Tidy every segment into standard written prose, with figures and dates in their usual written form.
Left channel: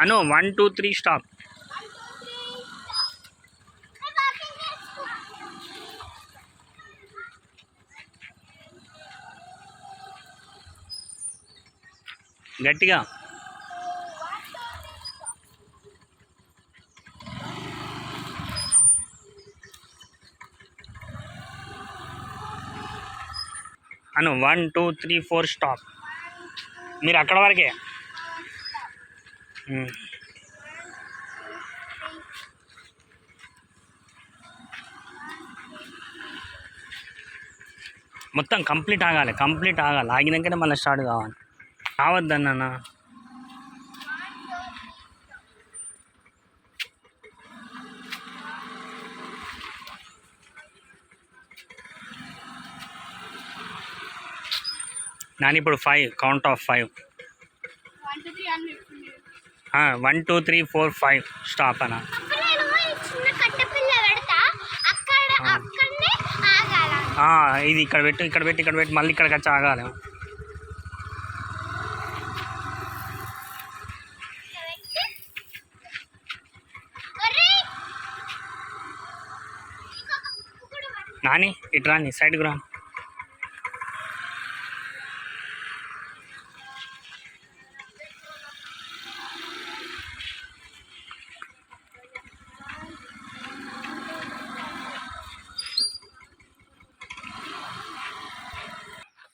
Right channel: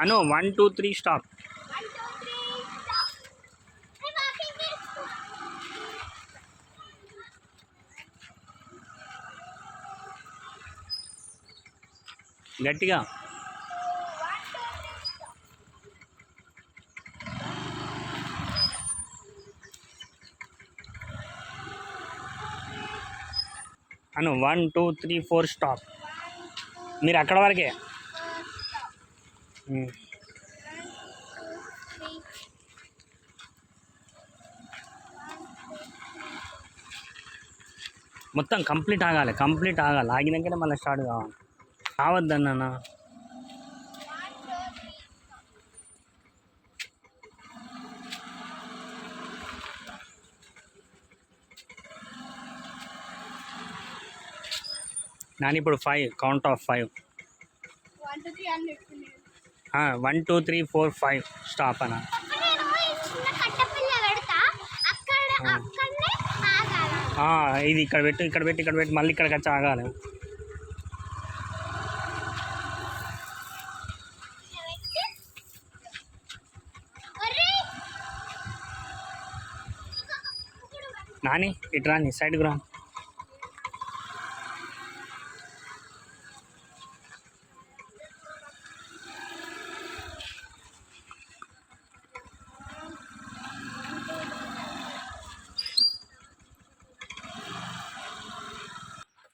అను 1 2 3 stop. గట్టిగా. అను 1 2 3 4 stop. మీరు అక్కడ వరకే. మొత్తం కంప్లీట్ ఆగాలి, ఆగినాకనే మళ్ళీ స్టార్ట్ కావాలి. కావద్దన్న నాని. ఇప్పుడు 5 కౌంట్ ఆఫ్ 5. 1 2 3 4 5 స్టాప్ అన్న. ఇది ఇక్కడ పెట్టి మళ్ళీ ఇక్కడికి వచ్చి ఆగాలి. నాని ఇటు రాని, సైడ్కి రా.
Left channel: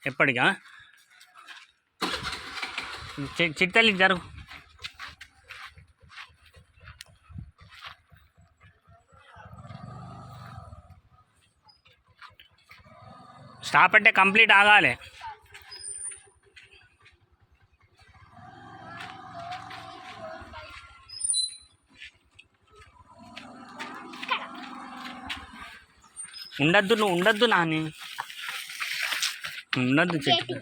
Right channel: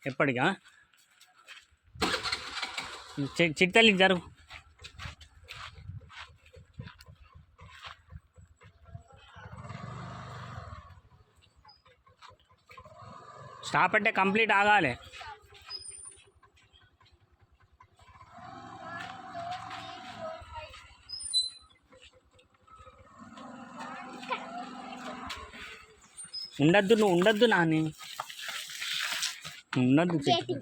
ఎప్పటికా చిట్టెళ్ళి జరుగు. స్టాప్ అంటే కంప్లీట్ ఆగాలి. ఉండద్దు, నువ్వు ఉండద్దు నాని, ఉండద్దు చెట్టు.